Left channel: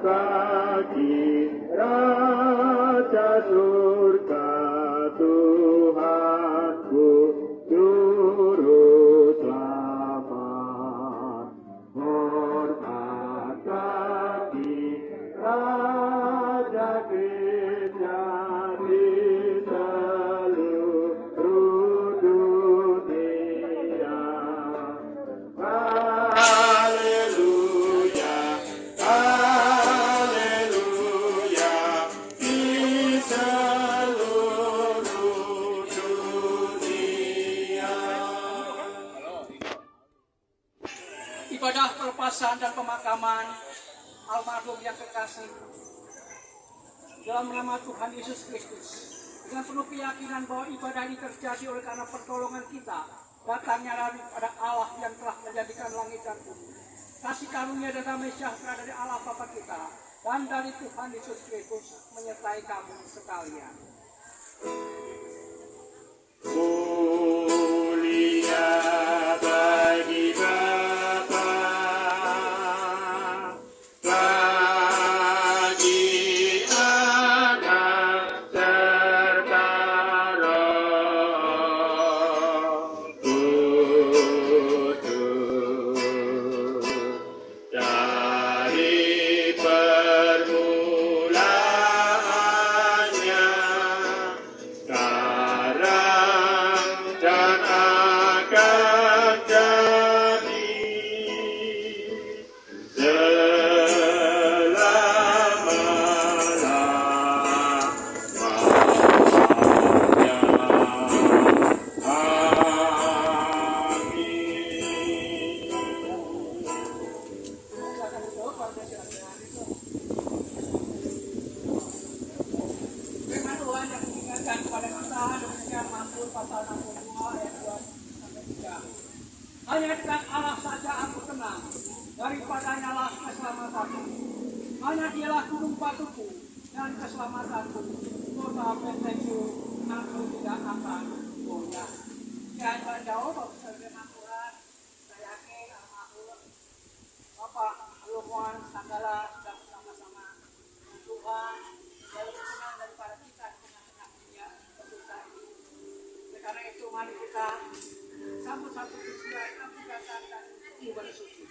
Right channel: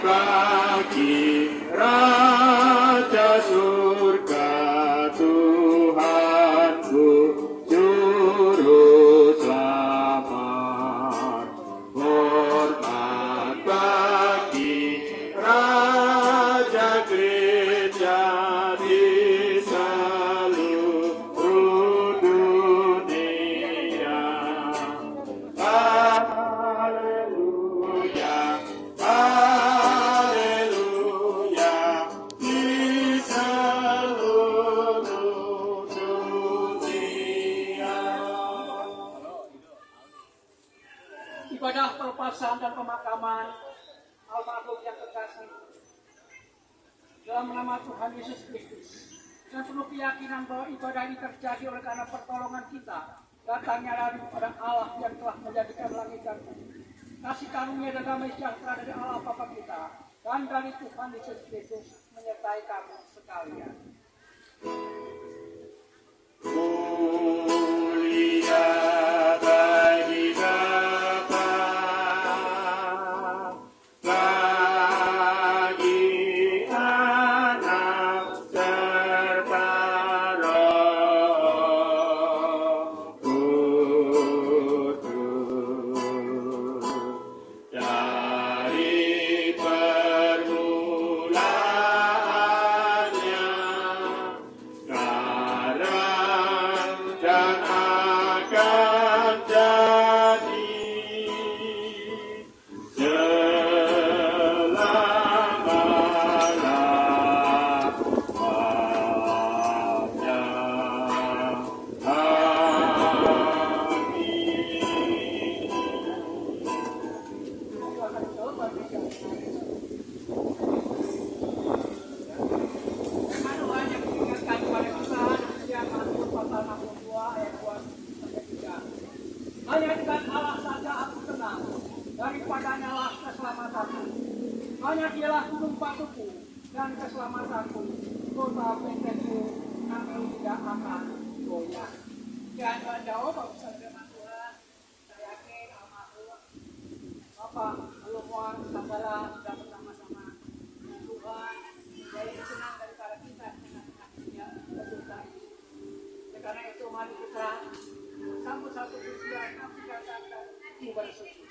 bagi Raja surga Tuhanku juru selamat. Hormat bagi Raja gereja di seluruh dunia. Haleluya, haleluya, di seluruh dunia. Ibadah pelepasan dan pemakaman almarhum yang kekasih dalam nama Tuhan Yesus Kristus, dengan penuh keyakinan bahwa ibadah ini terjadi oleh karena pertolongan kita datangnya daripada Allah yang telah menjadikan langit dan bumi, kasih karunia dan damai sejahtera dari Allah Bapa kita dan dari Tuhan Yesus Kristus menyertai kamu sekalian. Mulia bagi Bapa, bagi Anak serta Roh Kudus, dari permulaannya, sekarang dan akan jadi selama-lamanya. Firman Tuhan yang diingatkan kepada kita demikian Mazmur pasal 62 ayat 2-3. Hanya dengan Allah saja aku tenang, daripadanya lah keselamatanku. Hanya dialah gunung batuku dan keselamatanku, kota bentengku, aku tidak akan goyah. Jangan jauh Bapak firman Tuhan. Saya yakin almarhum Bapak Alumwan Sanggala sudah bersama-sama dengan Tuhan. Dia lebih senang daripada kita di tengah-tengah dunia berdosa ini. Oleh karena itu mari kita sambut satu peristiwa yang aku katakan ini bersuci.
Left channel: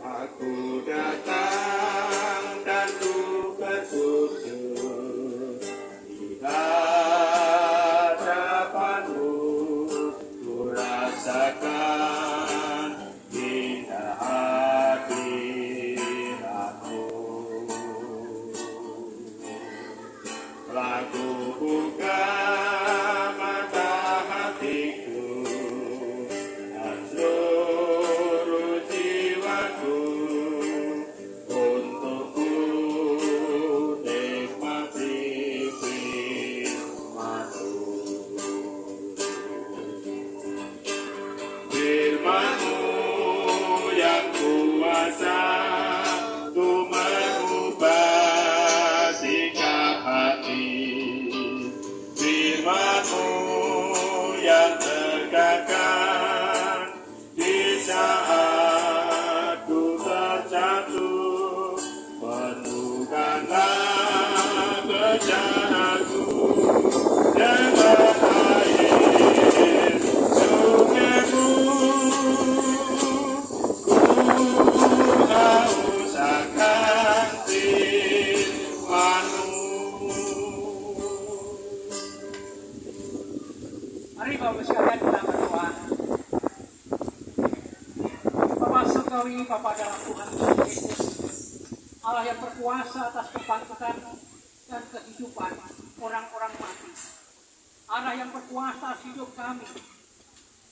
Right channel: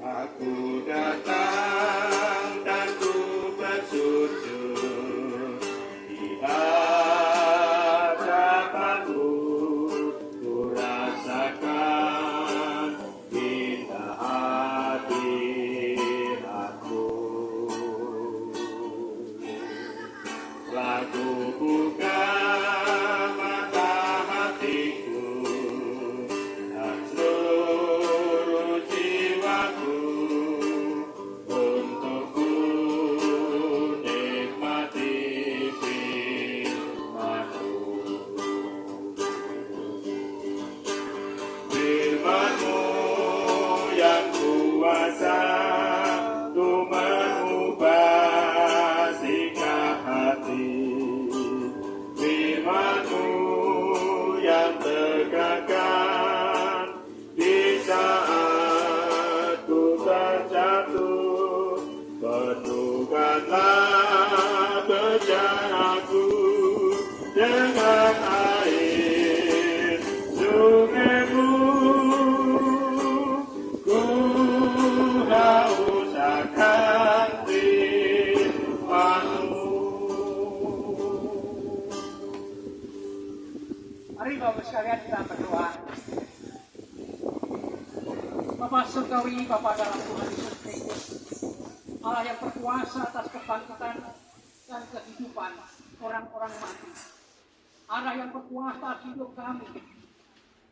Aku datang dan ku bersujud di hadapanmu, ku rasakan indah hadiratmu. Lagu buka mata hatiku dan seluruh jiwaku untuk ku nikmati firman-Mu. Firman-Mu yang kuasa ku mengubah sikap hati. Firman-Mu yang tegakkan di saat ku terjatuh. Penuhkanlah bencanaku dengan air sungai-Mu. Ku haus akan firman-Mu. Mari Bapak sekalian kita berdoa. Bapa surgawi, Bapa dalam Tuhan Yesus Kristus, Allah yang berkuasa atas kebangkitan dan kehidupan orang-orang mati. Allah yang berkuasa atas hidup kami.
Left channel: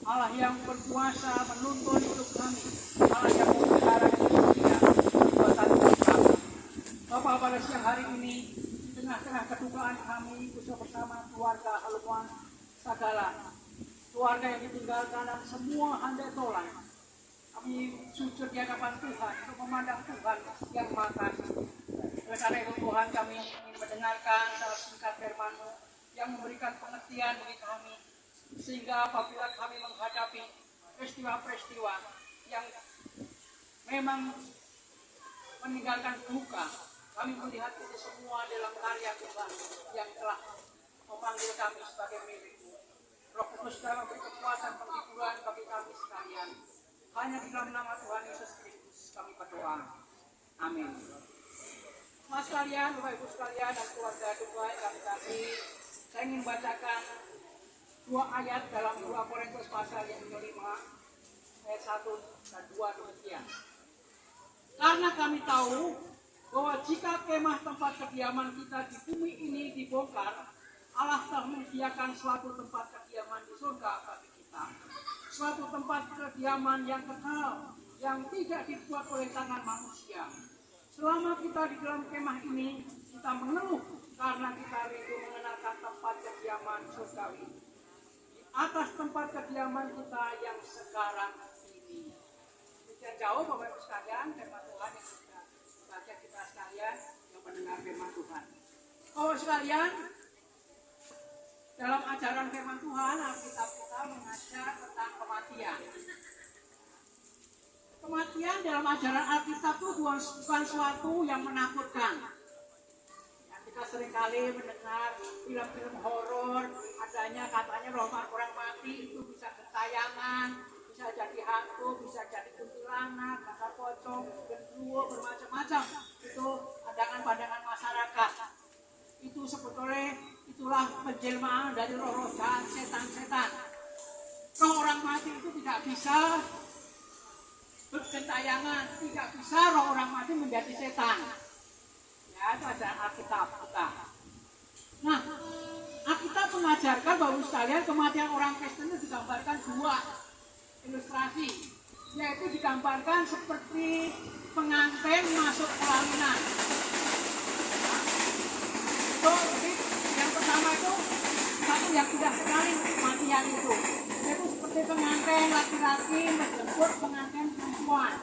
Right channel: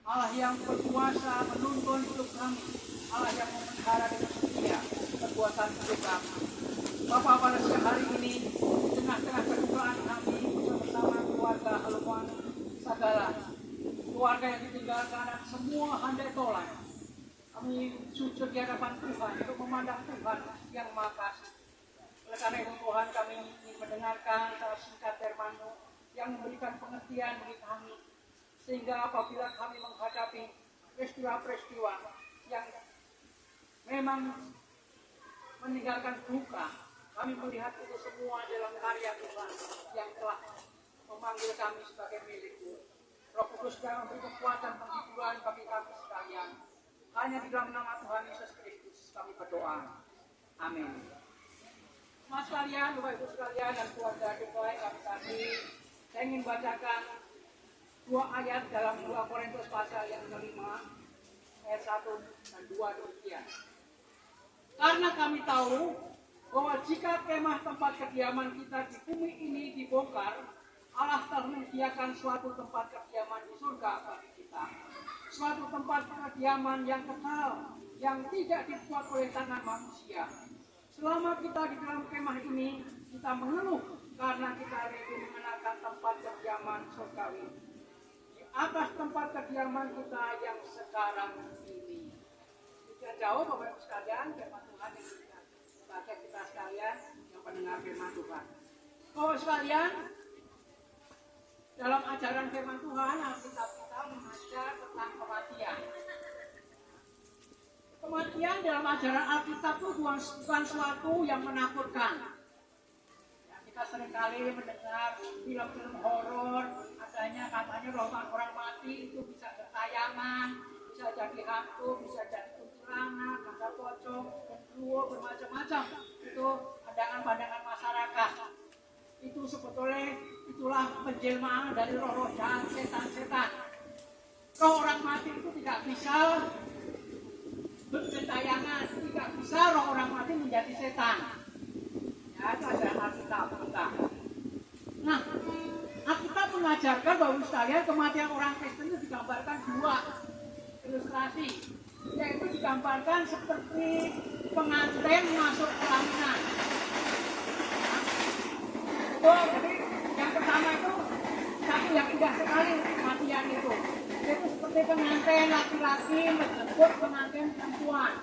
Allah yang berkuasa menuntun hidup kami. Allah yang memelihara dan setia perbuatan hidup kami. Bapa, pada siang hari ini, di tengah-tengah kedukaan kami bersama-sama keluarga Alumwan Sanggala, keluarga yang ditinggalkan dan semua handai tolan, di sujud di hadapan Tuhan, untuk memandang Tuhan yang Maha Kasih. Oleh karena itu Tuhan, kami ingin mendengarkan secara singkat firman-Mu yang memberikan pengertian bagi kami, sehingga apabila kami menghadapi peristiwa-peristiwa yang memang meninggalkan duka, kami melihat itu semua dalam karya Tuhan yang telah memanggil kami sebagai milik-Mu. Roh Kudus telah memberi kekuatan penghiburan bagi kami sekalian. Hanya di dalam nama Tuhan Yesus Kristus kami berdoa. Amin. Mas sekalian, Bapak Ibu sekalian, dan keluarga Tuhan yang kami kasih, saya ingin bacakan 2 ayat dalam 2 Korintus pasal yang kelima, ayat 1 dan 2 demikian. Karena kami tahu bahwa jika kemah tempat kediaman kita di bumi ini dibongkar, Allah telah menyediakan suatu tempat kediaman di surga bagi kita. Suatu tempat kediaman yang kekal, yang tidak dibuat oleh tangan manusia. Selama kita di dalam kemah ini, kita mengeluh karena kita rindu mengenalkan tempat kediaman surgawi. Di atas tempat kediaman kita yang sekarang ini. Tidak jauh Bapak Ibu sekalian, firman Tuhan yang kita baca kita sekalian yang mendengar firman Tuhan. Bapak sekalian, dalam ajaran firman Tuhan, Alkitab kita mengajar tentang kematian. Kematian dalam ajaran Alkitab itu bukan suatu yang menakutkan. Ya, kita seringkali mendengar film-film horor, adanya katanya roh orang mati itu bisa bertayangan, bisa jadi hantu, bisa jadi kuntilanak, kakak pocong, genderuwo, bermacam-macam. Itu pandangan-pandangan masyarakat. Itu sebetulnya itulah penjelmaan dari roh-roh jahat, setan-setan. Roh orang mati itu tidak bisa bergentayangan, tidak bisa roh orang mati menjadi setan. Ya, itu ada Alkitab kita. Nah, Alkitab mengajarkan bahwa sekalian kematian orang Kristen itu digambarkan 2 ilustrasi, yaitu digambarkan seperti pengantin masuk pelaminan. Jadi yang pertama itu satu yang tidak sekali kematian itu, yaitu seperti pengantin laki-laki menjemput pengantin perempuan.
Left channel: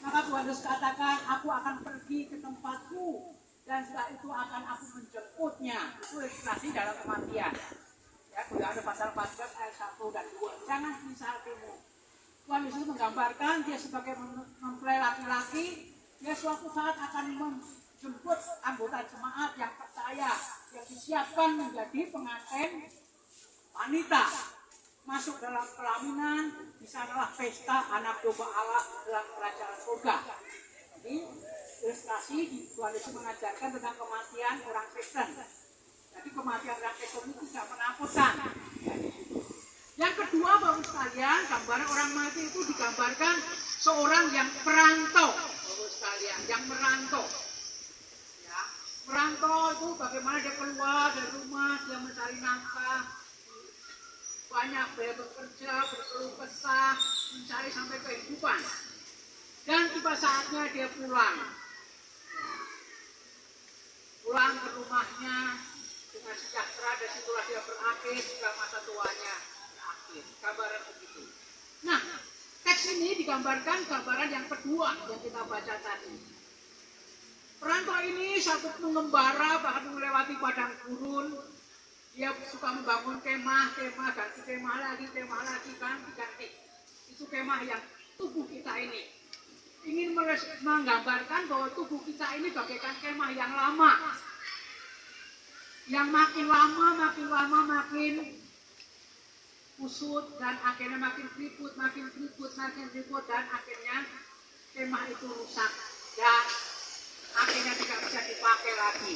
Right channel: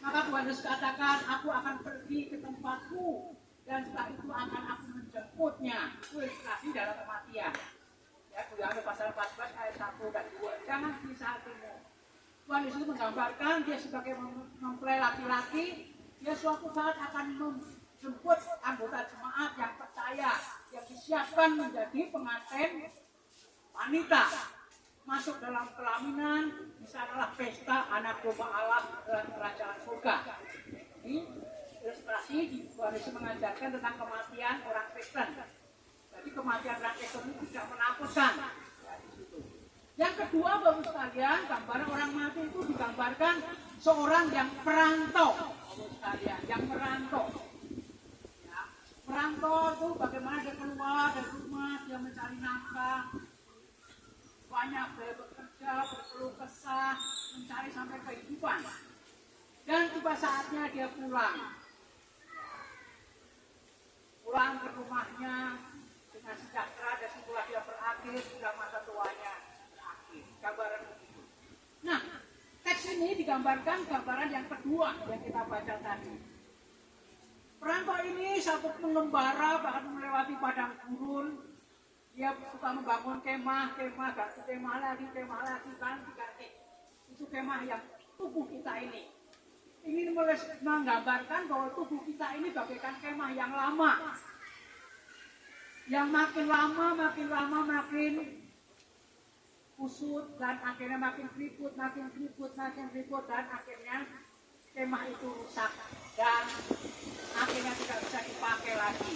Maka Tuhan Yesus katakan, aku akan pergi ke tempatku dan setelah itu akan aku menjemputnya. Itu ilustrasi dalam kematian. Ya, Yohanes pasal 14 ayat 1 dan 2. Jangan risau hatimu. Tuhan Yesus menggambarkan dia sebagai mempelai laki-laki, dia suatu saat akan menjemput anggota jemaat yang percaya, yang disiapkan menjadi pengantin wanita, masuk dalam pelaminan. Bisa adalah pesta anak domba Allah dalam kerajaan surga. Ini ilustrasi Tuhan Yesus mengajarkan tentang kematian orang Kristen. Jadi kematian orang Kristen itu tidak menakutkan. Yang kedua, baru sekalian, gambaran orang mati itu digambarkan seorang yang perantau, baru sekalian, yang merantau. Ya, merantau itu bagaimana dia keluar dari rumah, dia mencari nafkah, banyak dia bekerja, berkeluh kesah, mencari sampai kehidupan. Dan tiba saatnya dia pulang. Pulang ke rumahnya dengan sejahtera, dan situlah dia berakhir, juga masa tuanya berakhir. Gambaran begitu. Nah, teks ini digambarkan gambaran yang kedua yang kita baca tadi. Perantau ini satu pengembara, bahkan melewati padang gurun. Dia suka membangun kemah, ganti kemah lagi, ganti. Itu kemah yang tubuh kita ini. Ingin menggambarkan bahwa tubuh kita ini bagaikan kemah yang lama. Yang makin lama makin kusut, dan akhirnya makin keriput, dan akhirnya kemah itu rusak dan akhirnya tidak bisa dipakai lagi.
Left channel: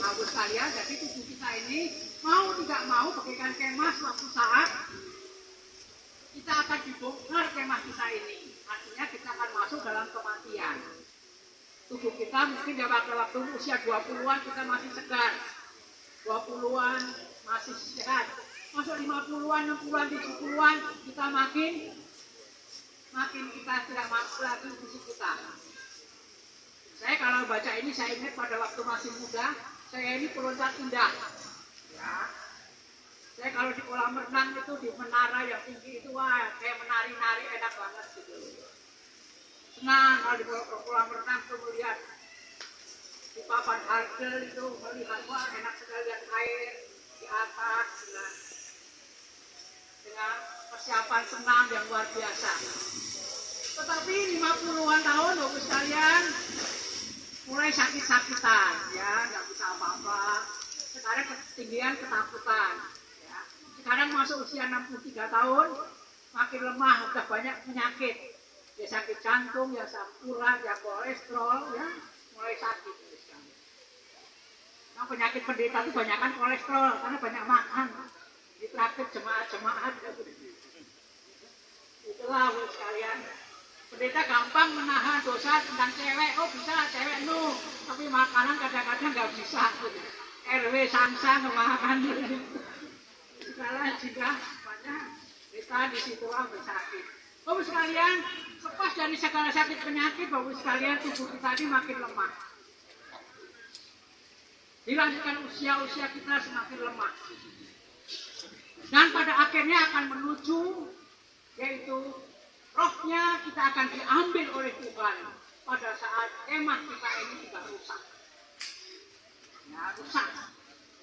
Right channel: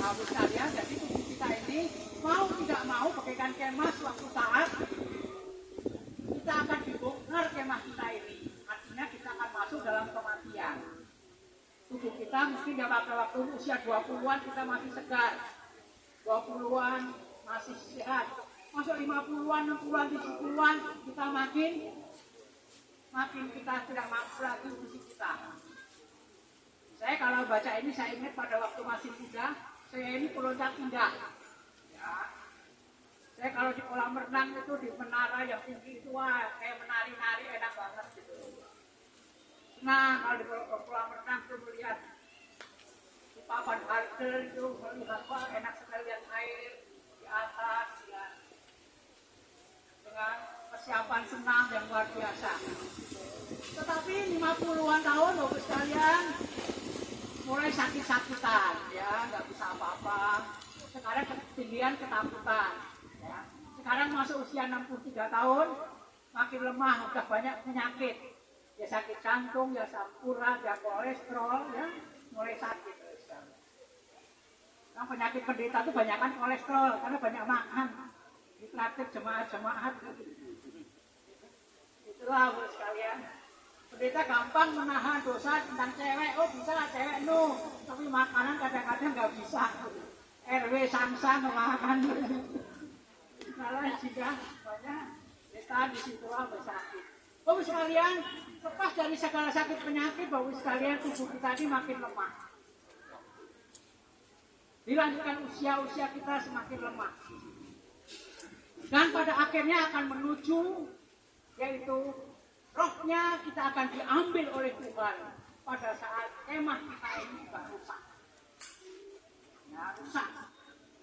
Bagus sekalian, jadi tubuh kita ini mau tidak mau bagaikan kemah, suatu saat kita akan dibongkar kemah kita ini. Artinya kita akan masuk dalam kematian. Tubuh kita mungkin di waktu usia 20-an kita masih segar, 20-an masih sehat. Masuk 50-an, 60-an, 70-an kita makin kita tidak mampu lagi fisik kita. Saya kalau baca ini, saya ingat pada waktu masih muda, saya ini peloncat indah. Ya. Saya kalau di kolam renang itu di menara yang tinggi itu wah kayak menari-nari enak banget gitu. Senang kalau di kolam renang tuh melihat di papan halte itu melihat wah enak sekali lihat air di atas dengan persiapan senam yang luar biasa. Tetapi 50-an tahun Bapak sekalian mulai sakit-sakitan ya nggak bisa apa-apa. Sekarang ketinggian ketakutan. Sekarang masuk usia 63 tahun, makin lemah, udah banyak penyakit. Ya sakit jantung, ya asam urat, ya kolesterol, ya mulai sakit. Nah, penyakit pendeta itu banyak kan kolesterol, karena banyak makan. Ditraktir jemaat-jemaat. Itulah Bu sekalian. Pendeta gampang menahan dosa tentang cewek, oh bisa cewek no, tapi makanan kadang-kadang nggak bisa. RW sang-sang makan. Sekarang jika banyak kita di situ bersakit. Bapak sekalian, lepas dari segala sakit penyakit, Bapak sekalian tubuh kita ini makin lemah. Dilanjutkan usia-usia kita semakin lemah. Dan pada akhirnya akan menuju, yaitu rohnya kita akan diambil oleh Tuhan pada saat kemah kita ini sudah rusak. Ya, rusak.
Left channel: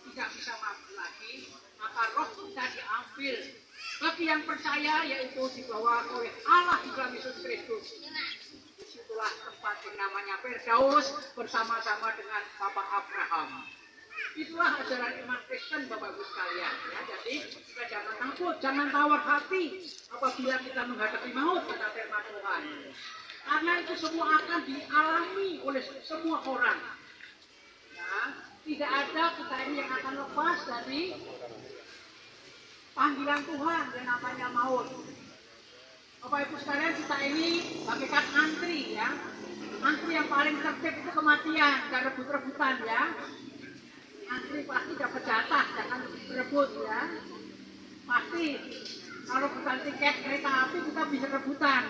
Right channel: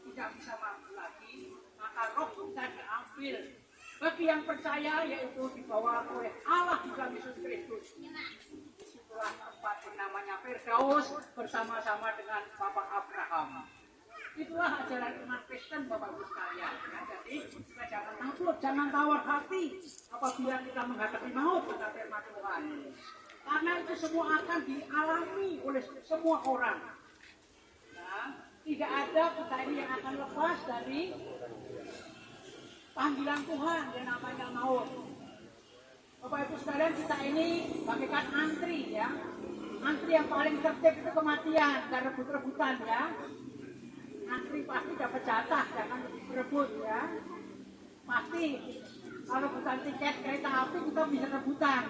Tidak bisa mampu lagi. Maka roh kita diambil. Bagi yang percaya yaitu dibawa oleh Allah di dalam Yesus Kristus. Disitulah tempat yang namanya Firdaus bersama-sama dengan Bapak Abraham. Itulah ajaran iman Kristen Bapak Ibu sekalian. Ya, jadi kita jangan takut, jangan tawar hati apabila kita menghadapi maut kata firman Tuhan. Karena itu semua akan dialami oleh semua orang. Ya, tidak ada kita ini yang akan lepas dari panggilan Tuhan yang namanya maut. Bapak Ibu sekalian, kita ini bagaikan antri ya. Antri yang paling tertib itu kematian dan rebut-rebutan ya. Antri pasti dapat jatah, jangan berebut ya. Pasti kalau bukan tiket kereta api kita bisa rebutan.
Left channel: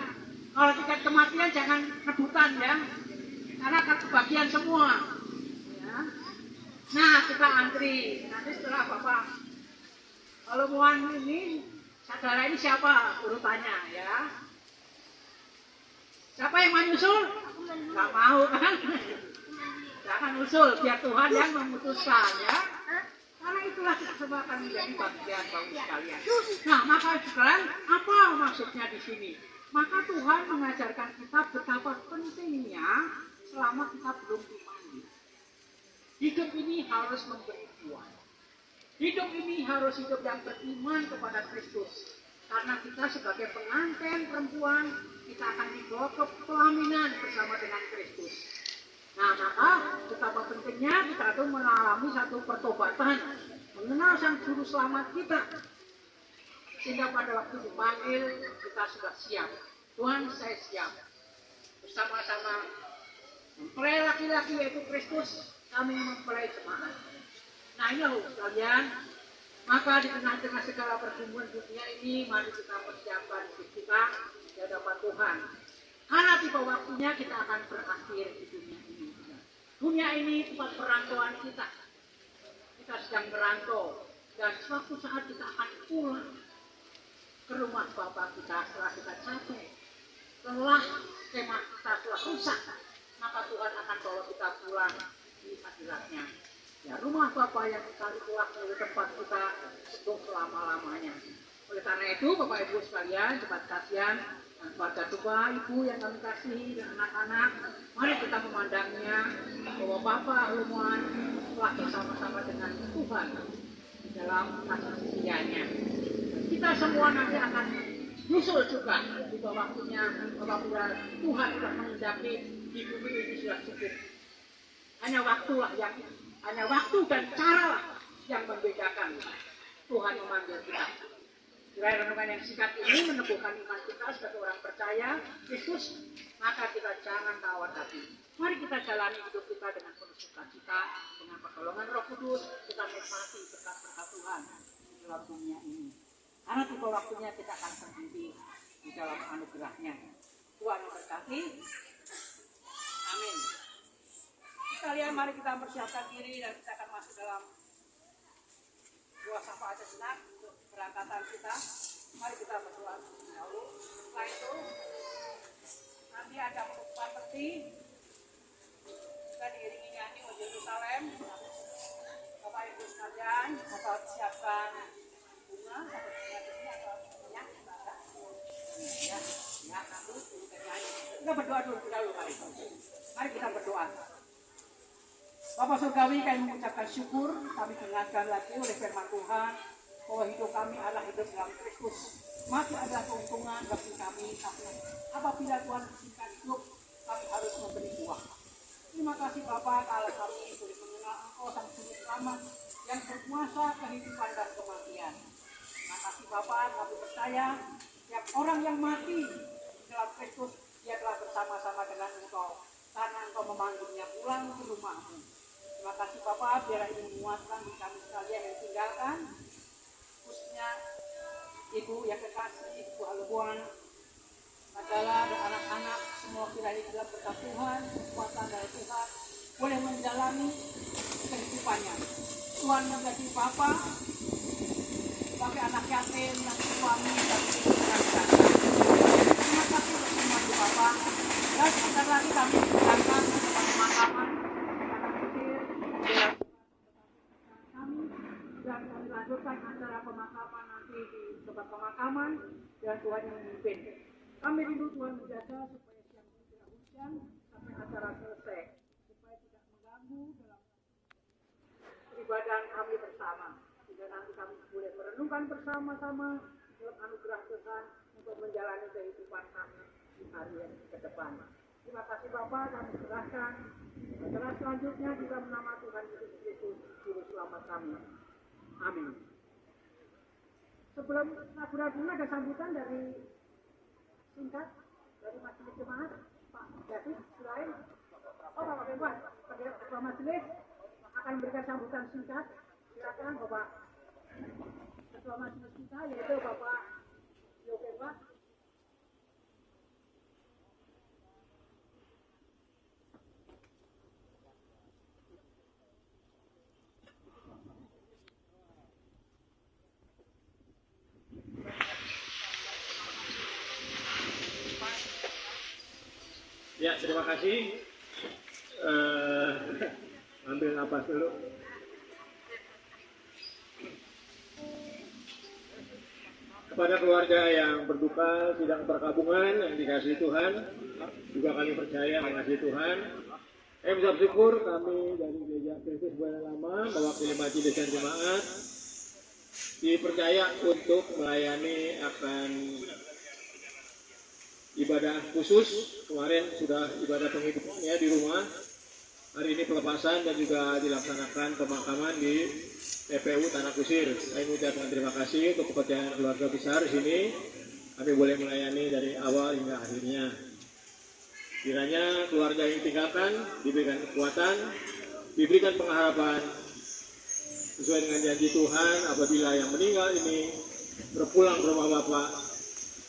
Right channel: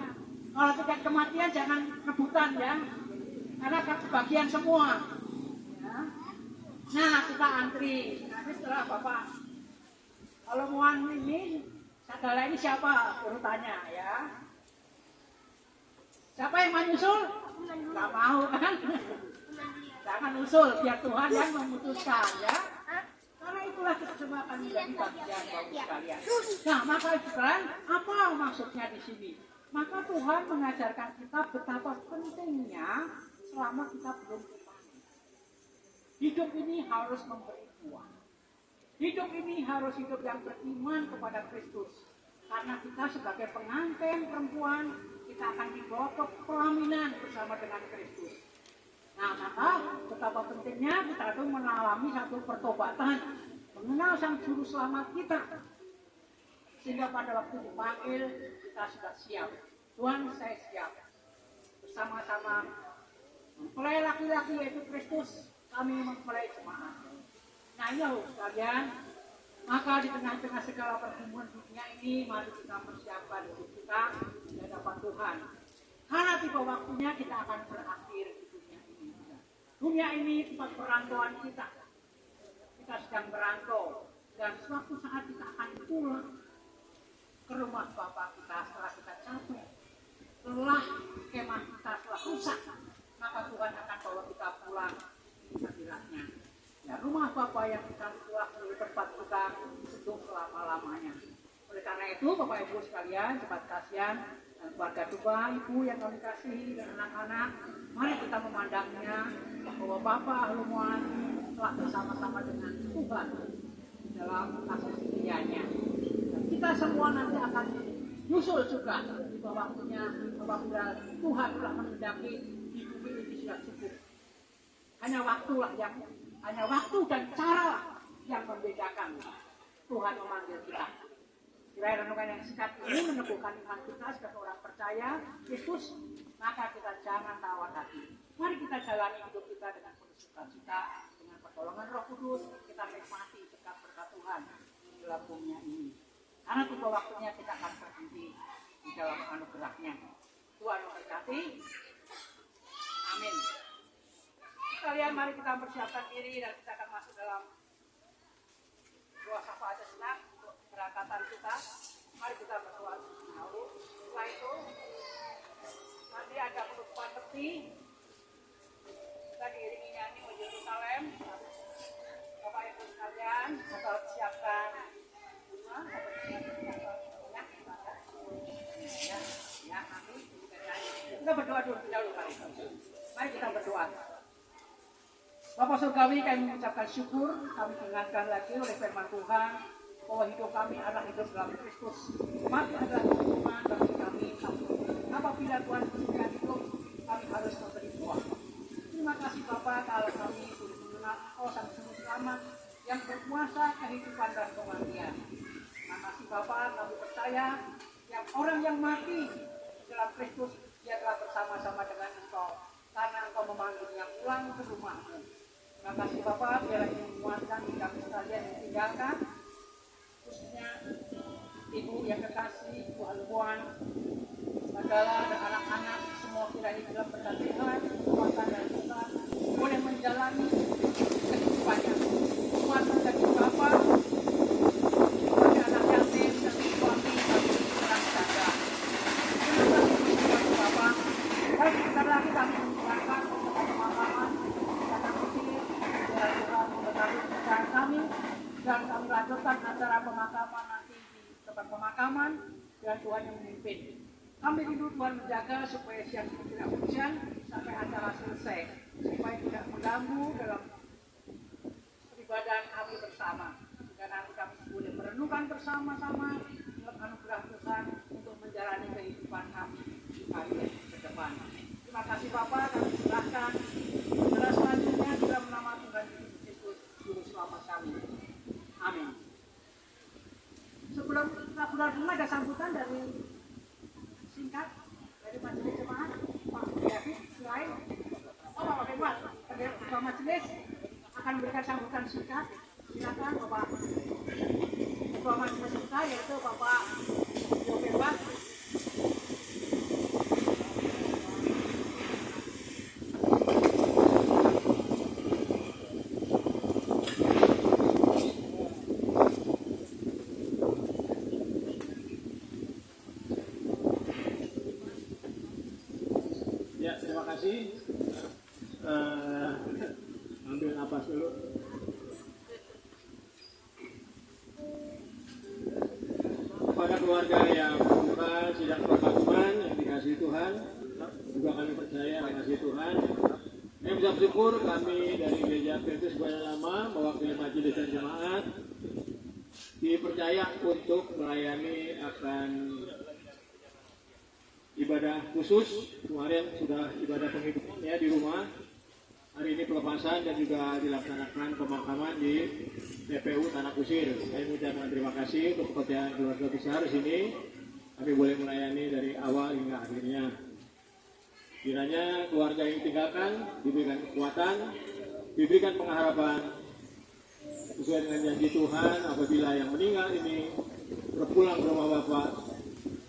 Kalau tiket kematian jangan rebutan ya. Karena akan kebagian semua. Ya. Nah kita antri. Nanti setelah Bapak kalau muan ini, saudara ini siapa urutannya ya? Siapa yang mau nyusul? Gak mau kan? Jangan usul, biar Tuhan yang memutuskan ya. Karena itulah kita semua akan menjadi bagian Bapak sekalian. Nah, maka sekarang apa maksudnya di sini? Maka Tuhan mengajarkan kita betapa pentingnya selama kita belum dimandi. Hidup ini harus memberi buah. Hidup ini harus hidup yang beriman kepada Kristus. Karena kita sebagai pengantin perempuan, kita akan dibawa ke pelaminan bersama dengan Kristus. Nah, maka betapa pentingnya kita itu mengalami satu pertobatan, mengenal Sang Juru Selamat kita. Sehingga pada waktu dipanggil, kita sudah siap. Tuhan, saya siap. Bersama-sama mempelai laki-laki yaitu Kristus, kami mempelai jemaat. Nah ini loh sekalian, maka di tengah-tengah segala pergumulan dunia ini, mari kita persiapkan hidup kita di hadapan Tuhan. Karena tiba waktunya kita akan berakhir di dunia ini. Dunia ini tempat perantauan kita. Kita sedang merantau dan suatu saat kita akan pulang ke rumah Bapa kita setelah kita capek. Setelah kemah kita telah rusak, maka Tuhan akan bawa kita pulang di hadiratnya. Ya, rumah Bapa yang kita itulah menjadi tempat kita untuk selama-lamanya. Oleh karena itu, Bapak Ibu sekalian, cepat kasihan dan keluarga Tuhan, Ibu yang kami kasihi dan anak-anak, mari kita memandangnya bahwa Bapa Lumoan telah bersama-sama dengan Tuhan di dalam kasih setianya. Kita semua nanti akan nyusul juga di bawah waktunya apabila Tuhan telah mengendaki di bumi ini sudah cukup. Hanya waktu dan cara yang membedakan Tuhan memanggil kita. Kiranya renungan yang singkat ini meneguhkan iman kita sebagai orang percaya Kristus, maka kita jangan tawar hati. Mari kita jalani hidup kita dengan penuh sukacita, dengan pertolongan Roh Kudus, kita nikmati berkat-berkat Tuhan di dalam dunia ini. Karena tiba waktunya kita akan berhenti di dalam anugerahnya. Tuhan memberkati. Amin. Sekalian mari kita persiapkan diri dan kita akan masuk dalam doa syafaat sejenak. keberangkatan kita. Mari kita berdoa dahulu. Setelah itu nanti ada penutupan peti. Kita diiringi nyanyi O Yerusalem. Bapak Ibu sekalian, atau siapkan bunga atau minyak, ya nanti kita nyanyi. Kita berdoa dulu mari. Mari kita berdoa. Bapak Surgawi, kami mengucapkan syukur, kami diingatkan lagi oleh firman Tuhan bahwa hidup kami adalah hidup dalam Kristus. Mati adalah keuntungan bagi kami. Apabila Tuhan memberikan hidup, kami harus memberi buah. Terima kasih Bapak kalau kami boleh mengenal Engkau Sang Juru Selamat yang berkuasa kehidupan dan kematian. Terima kasih Bapak, kami percaya yang orang yang mati dalam Kristus, dia telah bersama-sama dengan Engkau karena Engkau memanggilnya pulang ke rumahmu. Terima kasih Bapak, biar ini menguatkan kami sekalian yang tinggalkan, khususnya Ibu yang kekasih, Ibu Albuan, Mandala dan anak-anak semua kiranya dalam berkat Tuhan, kekuatan dan Tuhan boleh menjalani kehidupannya. Tuhan menjadi Bapa sebagai anak yatim yang suami dan anak janda. Terima kasih untuk Bapak. Dan sebentar lagi kami mengucapkan tempat pemakaman anak kecil biar Tuhan mengetahui pekerjaan kami dan kami lanjutkan acara pemakaman nanti di tempat pemakaman dan Tuhan yang memimpin. Kami rindu Tuhan menjaga supaya siang tidak hujan sampai acara selesai, supaya tidak mengganggu dalam peribadahan kami bersama. Sehingga nanti kami boleh merenungkan bersama-sama dalam anugerah Tuhan untuk menjalani kehidupan kami di hari ke depan. Terima kasih Bapak, kami serahkan acara selanjutnya dalam nama Tuhan Yesus Kristus, Juru Selamat kami. Amin. Sebelum laporan bunga ada sambutan dari singkat dari majelis jemaat Pak David selain Pak Dewan Ketua Majelis akan memberikan sambutan singkat. Silakan Bapak Ketua Majelis kita yaitu Bapak Dewan. Terima kasih. Ambil napas dulu. Kepada keluarga yang berduka sidang perkabungan yang dikasihi Tuhan, juga kami percaya mengasihi Tuhan. Kami bisa bersyukur kami dari Gereja Kristus Buana Lama mewakili majelis dan jemaat dipercaya untuk melayani akan ibadah khusus. Kemarin sudah ibadah penghitungannya di rumah. Hari ini pelepasan dan juga dilaksanakan pemakaman di TPU Tanah Kusir. Saya mengucapkan terima kasih untuk kepercayaan keluarga besar di sini. Kami boleh melayani dari awal hingga akhirnya. Kiranya keluarga yang ditinggalkan diberikan kekuatan, diberikan pengharapan sesuai dengan janji Tuhan apabila yang meninggal ini berpulang ke rumah Bapa.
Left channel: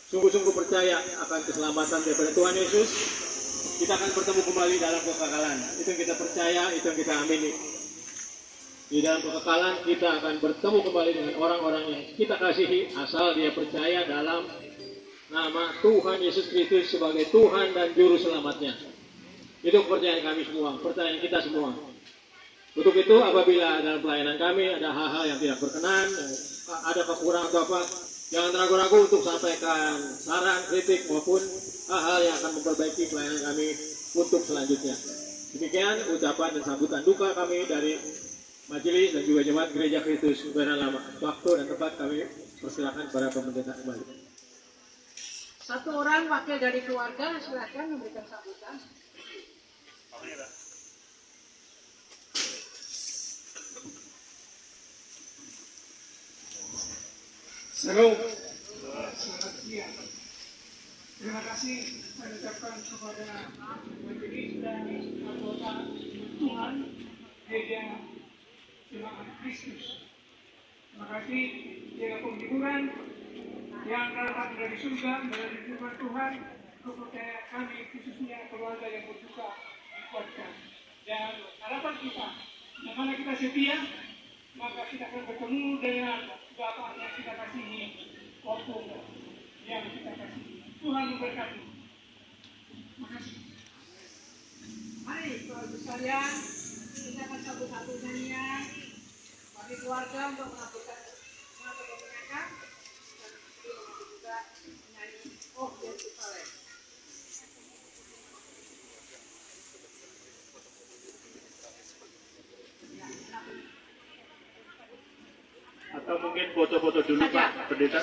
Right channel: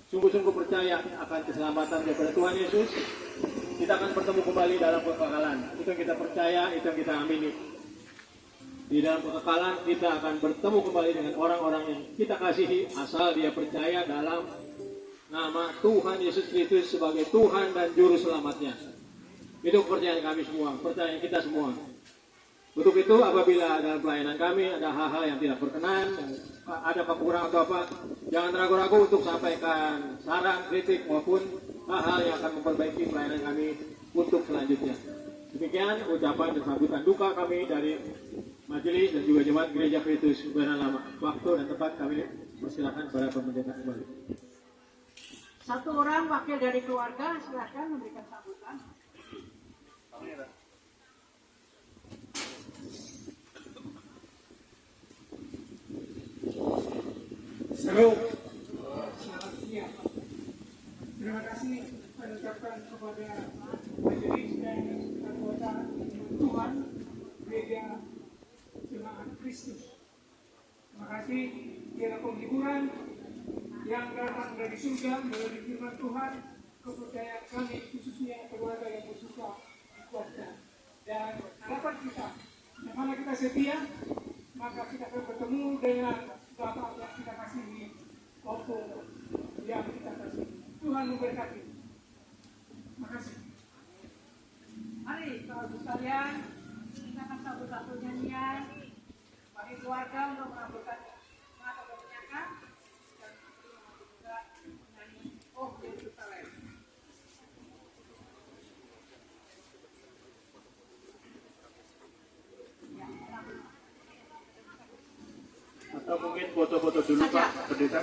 Sungguh-sungguh percaya akan keselamatan daripada Tuhan Yesus, kita akan bertemu kembali dalam kekekalan. Itu yang kita percaya, itu yang kita amini. Di dalam kekekalan kita akan bertemu kembali dengan orang-orang yang kita kasihi, asal dia percaya dalam nama Tuhan Yesus Kristus sebagai Tuhan dan Juru Selamatnya. Itu kepercayaan kami semua, percayaan kita semua. Untuk itu apabila dalam pelayanan kami ada hal-hal yang tidak berkenan, ada kekurangan atau apa, jangan ragu-ragu untuk sampaikan saran, kritik maupun hal-hal yang akan memperbaiki pelayanan kami untuk selanjutnya. Demikian ucapan dan sambutan duka kami dari majelis dan juga jemaat Gereja Kristus Buana Lama. Waktu dan tempat kami persilakan para pendeta kembali. Satu orang wakil dari keluarga silakan memberikan sambutan. Salam, selamat siang. Terima kasih saya ucapkan kepada majelis dan anggota Tuhan Gereja Jemaat Kristus. Terima kasih ialah penghiburan yang datang dari surga melalui firman Tuhan. Kepercayaan kami khususnya keluarga yang berduka dikuatkan. Dan harapan kita, yang mana kita setia, maka kita akan bertemu dengan Bapak yang kita kasihi, maupun yang kita kasihi. Tuhan memberkati. Makasih. Mari, Bapak-Ibu sekalian, kita akan sambut satu nyanyian bagi keluarga untuk menambahkan semangat atau menyanyikan dan juga menyanyi Oh Yerusalem. Atau mungkin foto-foto dulu Pak Pendeta.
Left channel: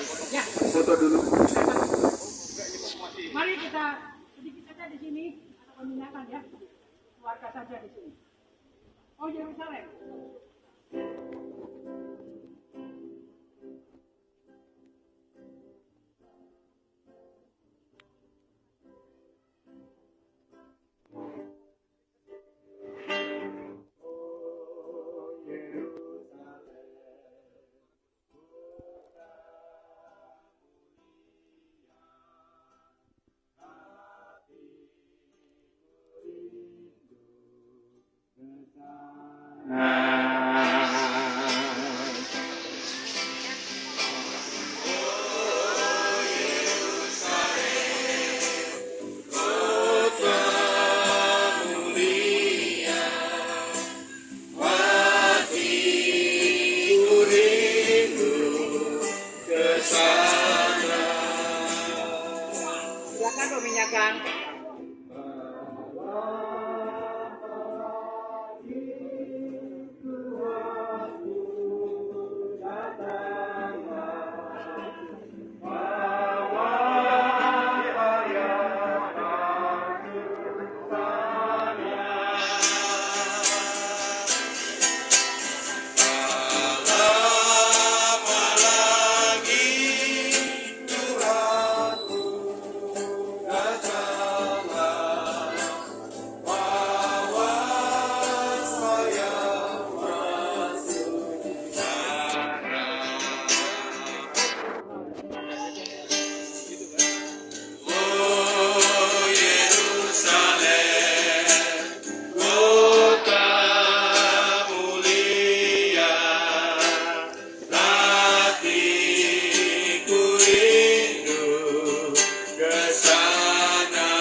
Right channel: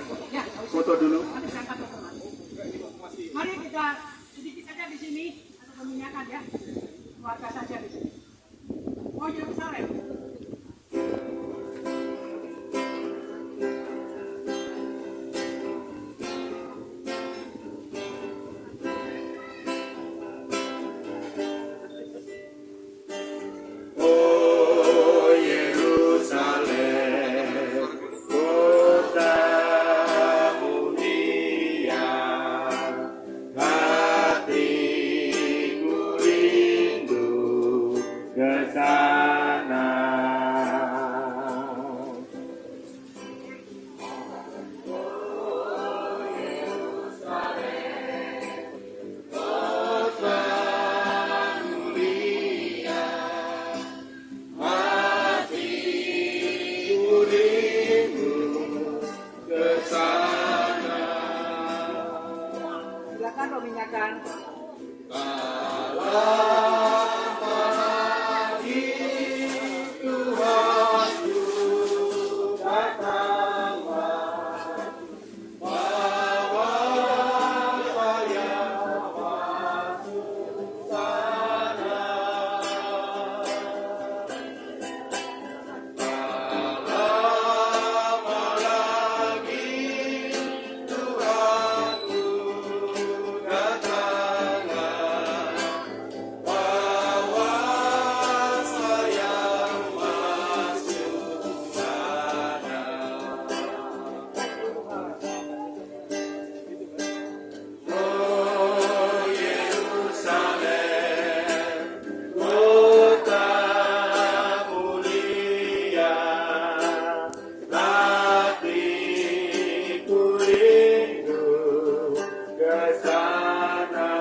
Foto dulu. Mari kita sedikit saja di sini atau menyanyikan ya, keluarga saja di sini. Oh Yerusalem. Oh Yerusalem, kota mulia, hatiku rindu ke sana. Kota mulia, hatiku rindu ke sana. Silakan meminyakan. Oh Yerusalem, kota mulia, hatiku rindu ke sana.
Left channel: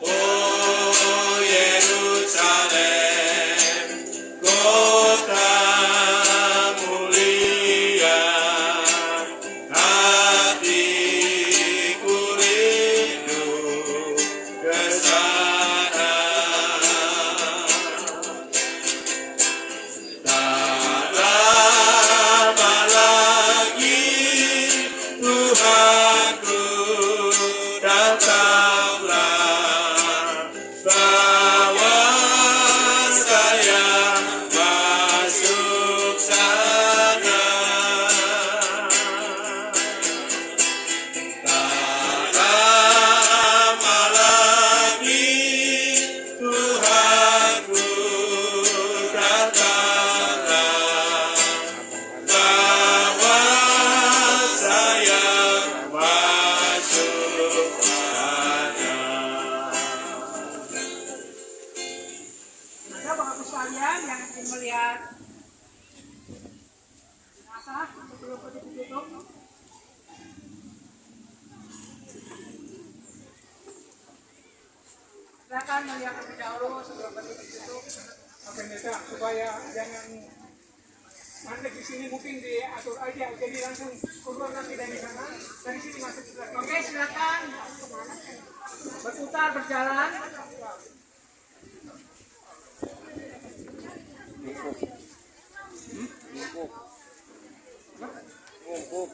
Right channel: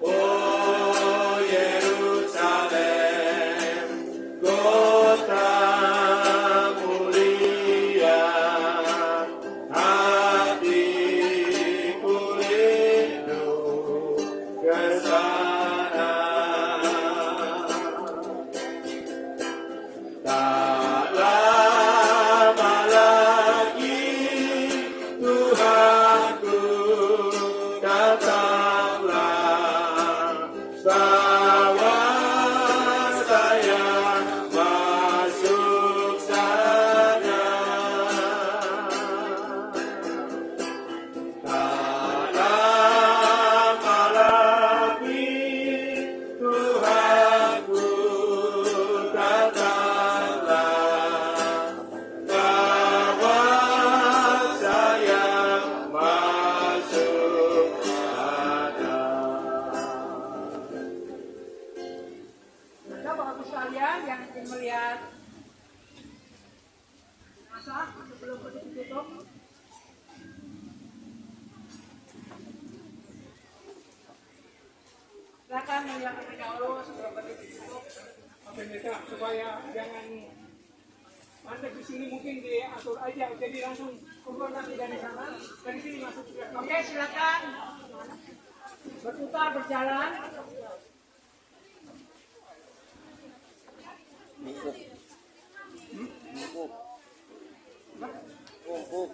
Oh Yerusalem, kota mulia, hatiku rindu ke sana. Tak lama lagi Tuhanku datanglah, bawa saya masuk sana. Tak lama lagi Tuhanku datanglah, bawa saya masuk sana. Ada Bapak-Ibu sekalian yang ingin melihat jenazah sebelum ditutup. Silakan melihat terlebih dahulu sebelum ditutup. Pak Pendeta, supaya jangan mandek di sini mungkin diatur aja, jadi langsung keluar nanti dari sana, dari sini masuk ke belakang. Oke, silakan berputar berjalan.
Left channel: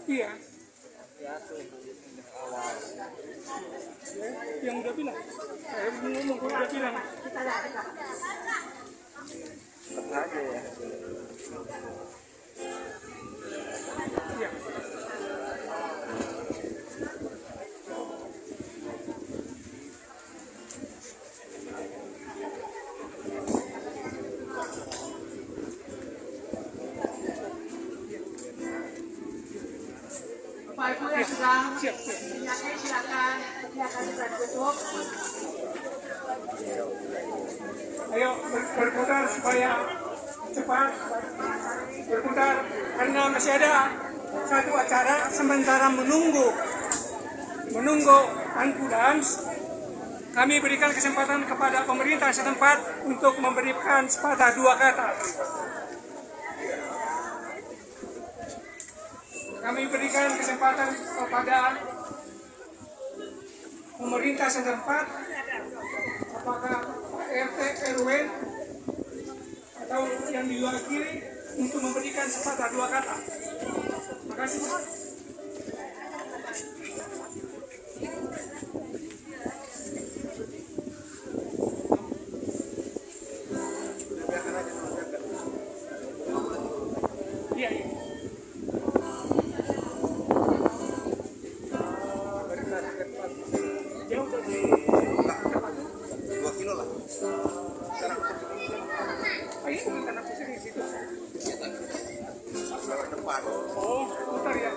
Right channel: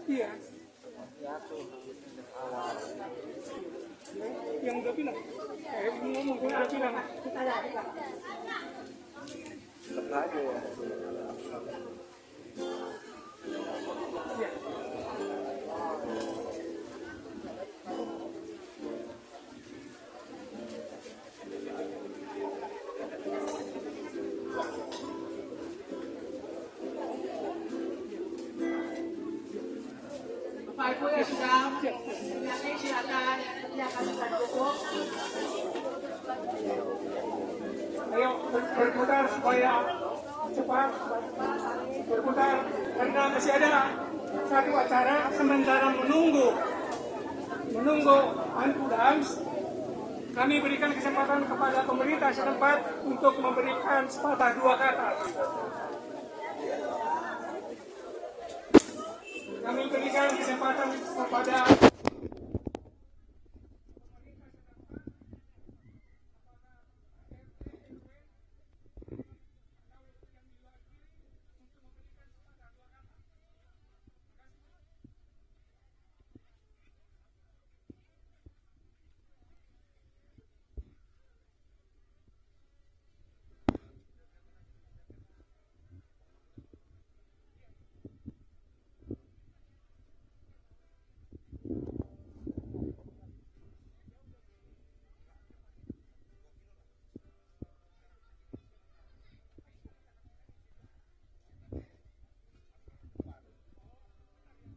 Iya. Yang udah bilang, ngomong kalau udah bilang. Kita lihat. Iya. Bapak Ibu yang sedang menyanyi silakan sudah ditutup. Ayo berputar supaya cepat berputar karena masih ada satu acara sementara menunggu Angku Dance. Kami berikan kesempatan kepada pemerintah setempat untuk memberikan sepatah dua kata. Kami berikan kesempatan kepada pemerintah setempat, apakah RT RW atau yang diwakili, untuk memberikan sepatah dua kata. Terima kasih. Iya, iya. Jauh dari 2 kilo lah. ayo bukan aku sini situ. Lewat depan. Oh, putar ya.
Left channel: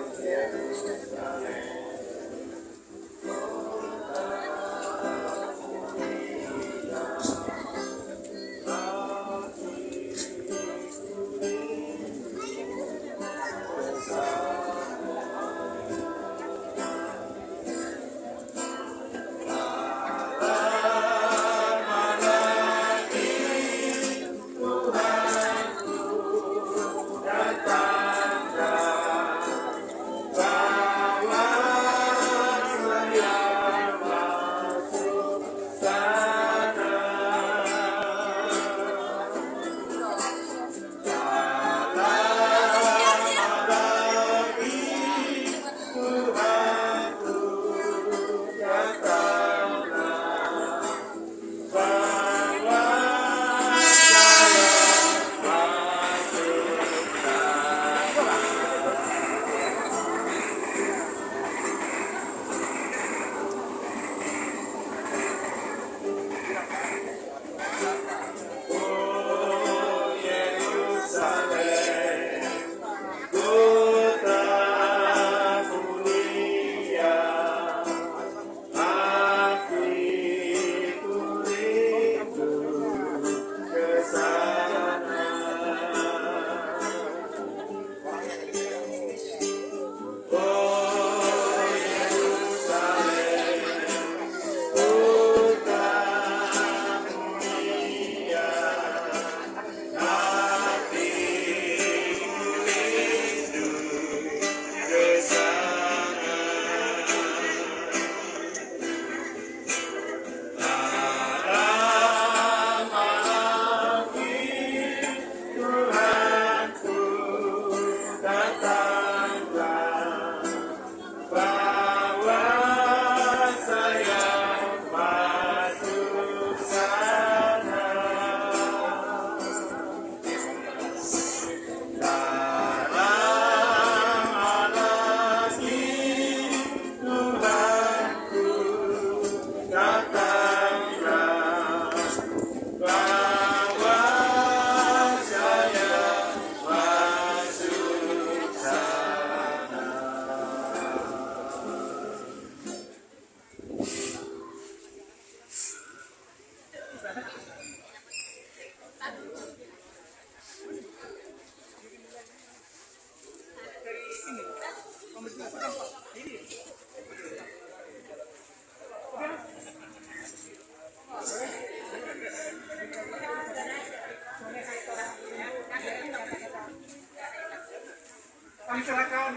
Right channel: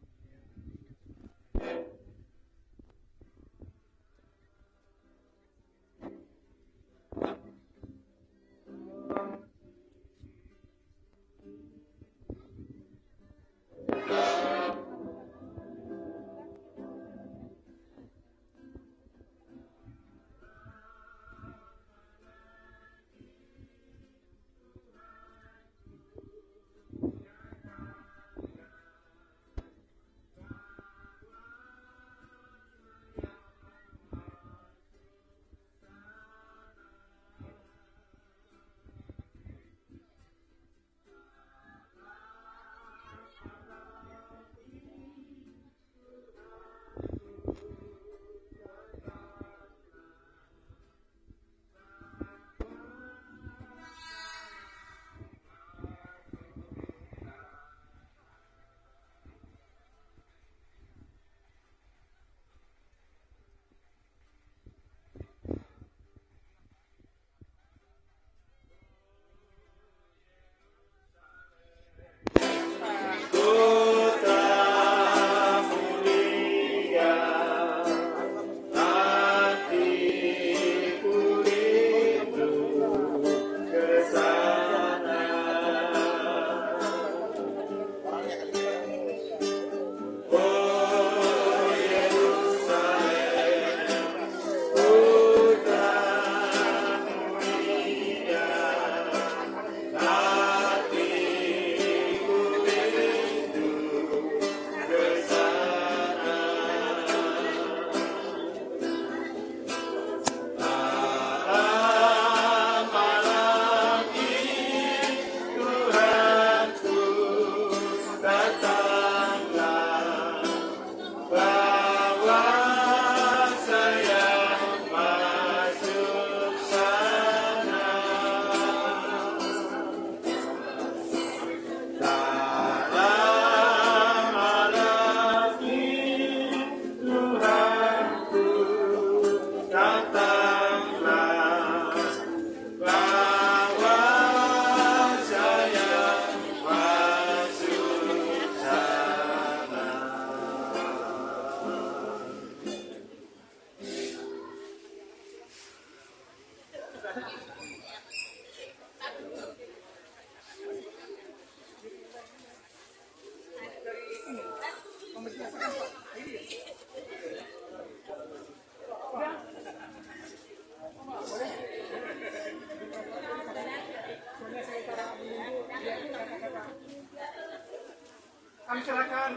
Kami serahkan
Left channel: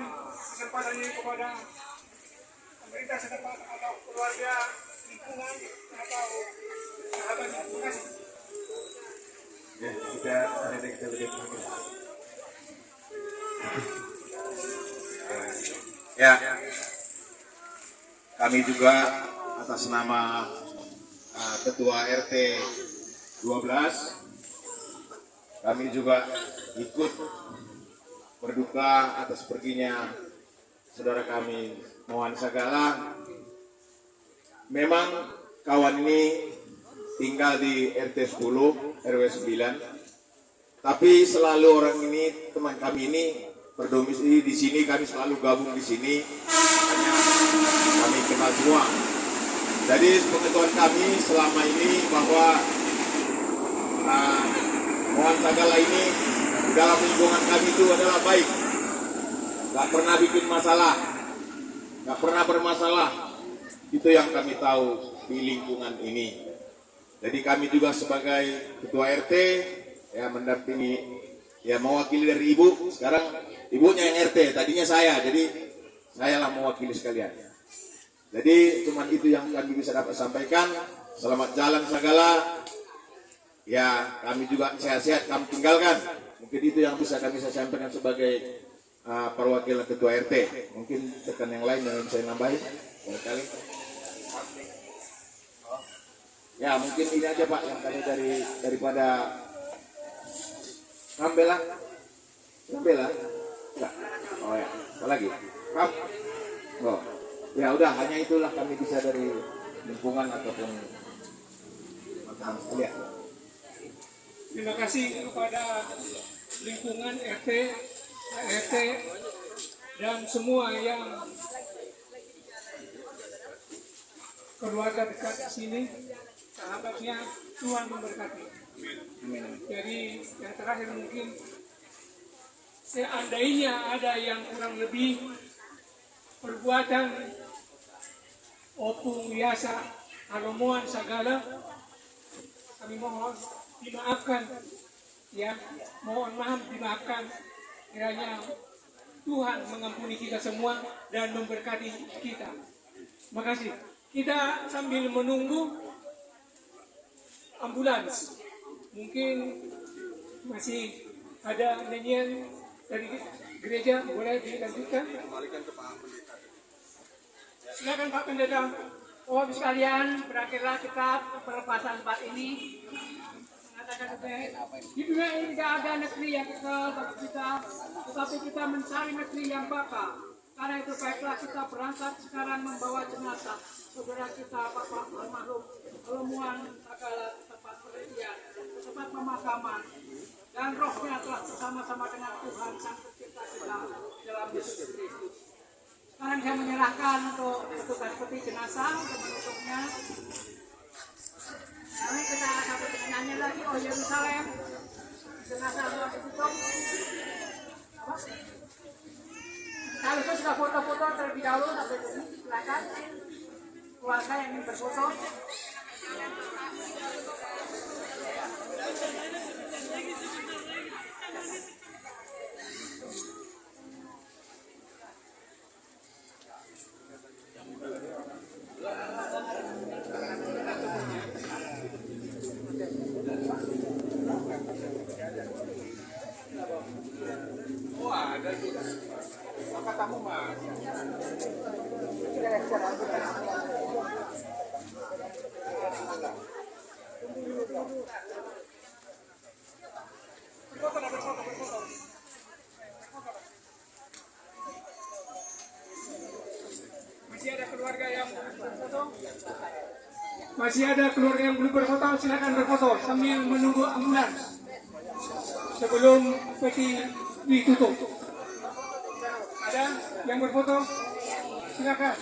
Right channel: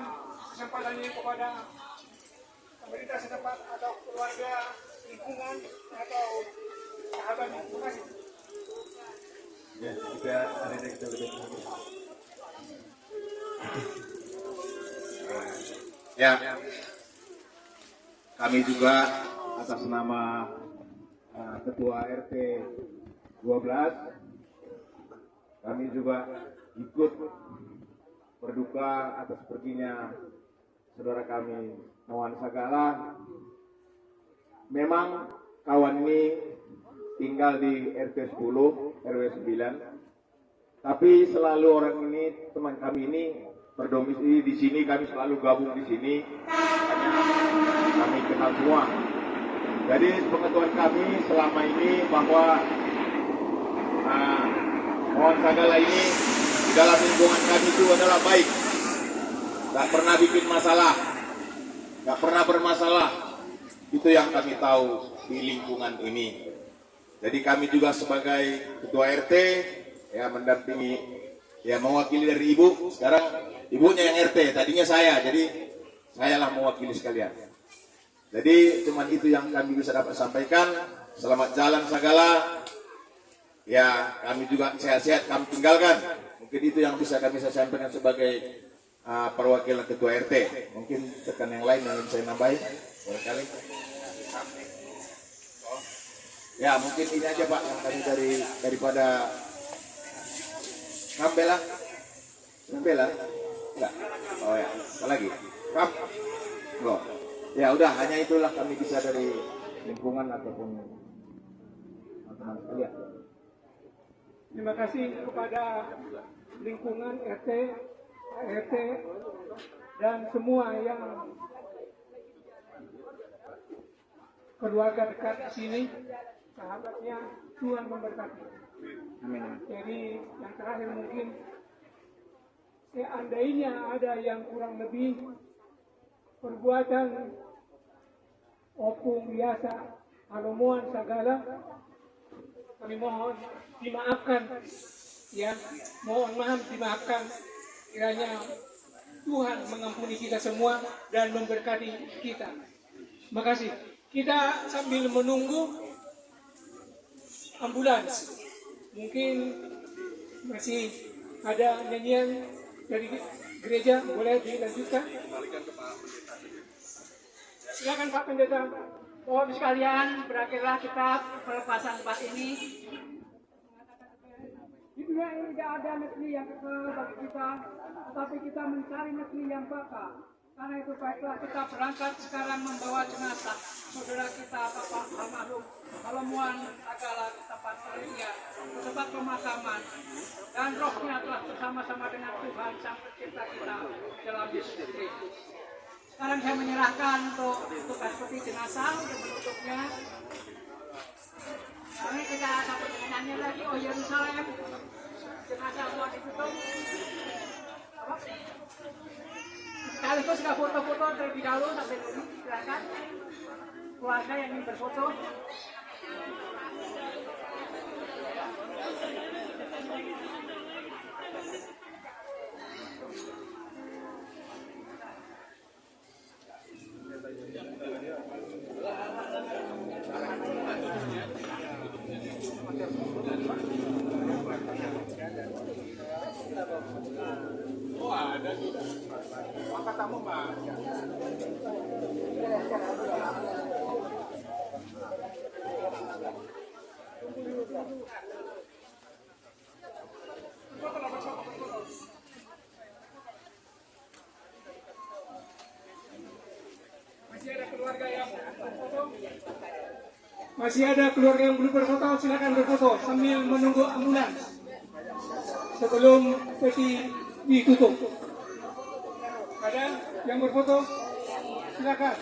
kesempatan ini kepada pemerintah setempat atau keluarga lingkungan atau sahabatnya. Terima kasih. Ya, kita ada kita lebih Ya, kami juga atas nama Ketua RT 12, kami juga ikut berduka atas perginya saudara kami Mohan Sagala. Memang kawan ini tinggal di RT 10 RW 9, tapi selalu orang ini, teman kami ini berdomisili di sini, kami selalu gabung di sini, hanya kami kenal semua. Jadi pengetahuan kami selama ini bahwa Mohan Sagala ini dalam lingkungan kami itu adalah baik, nggak pernah bikin masalah, nggak pernah bermasalah. Itu yang kami tahu di lingkungan ini. Jadi kami juga sebagai ketua RT ya mendampingi, ya mewakili dari ibu. Sekarang ibunya yang RT, tadinya saya, jadi saya lah mewakili sekalian. Jadi cuman itu yang kami bisa dapat sampaikan. Selamat jalan segala. Ya kami juga sehat-sehat kami tinggalkan. Mungkin itu yang bisa kami sampaikan sebagai perwakilan ketua RT. Mungkin tekan yang lain yang saya nambahin. Barangkali. Ya mungkin ini aja Pak yang kami daripada Kambela. Enggak. Oh ya, apa lagi? Kam. Oh. Ya udah, hanya itulah kami bisa dari lingkungan ataupun teman-teman sekalian. Terima kasih kepada lingkungan RT, ART, dan semua yang keluarga dekat di sini. Sahabatnya, Tuhan memberkati. Amin. Jadi yang terakhir mungkin seandainya ada yang kurang lebih perbuatan opung biasa, alomuan segala, kami mohon dimaafkan, ya, mohon maaf dimaafkan. Kiranya Tuhan mengampuni kita semua dan memberkati kita. Terima kasih. Kita sambil menunggu ambulans, mungkin masih ada nyanyian dari gereja, boleh dilanjutkan. Silakan Pak Pendeta. Bapak sekalian, berakhirlah kita pelepasan empat ini. Mengatakan di dunia ini tidak ada negeri yang kekal bagi kita, tetapi kita mencari negeri yang bakal. Karena itu baiklah kita berangkat sekarang membawa jenazah saudara kita Bapak almarhum Alomuan Sagala ke tempat penelitian, ke tempat pemakaman, dan rohnya telah bersama-sama dengan Tuhan Sang Pencipta kita dalam Yesus Kristus. Sekarang saya menyerahkan untuk tugas peti jenazah untuk menutupnya. Lalu kita satu dengan nyanyi lagi, Oh Yerusalem, jenazah mau ditutup. Sekaligus juga foto-foto terlebih dahulu sampai dulu, silakan. Keluarga yang ingin berfoto. Masih ada keluarga yang belum berfoto, silakan berfoto sambil menunggu ambulans sebelum peti ditutup. Ada yang berfoto? Silakan.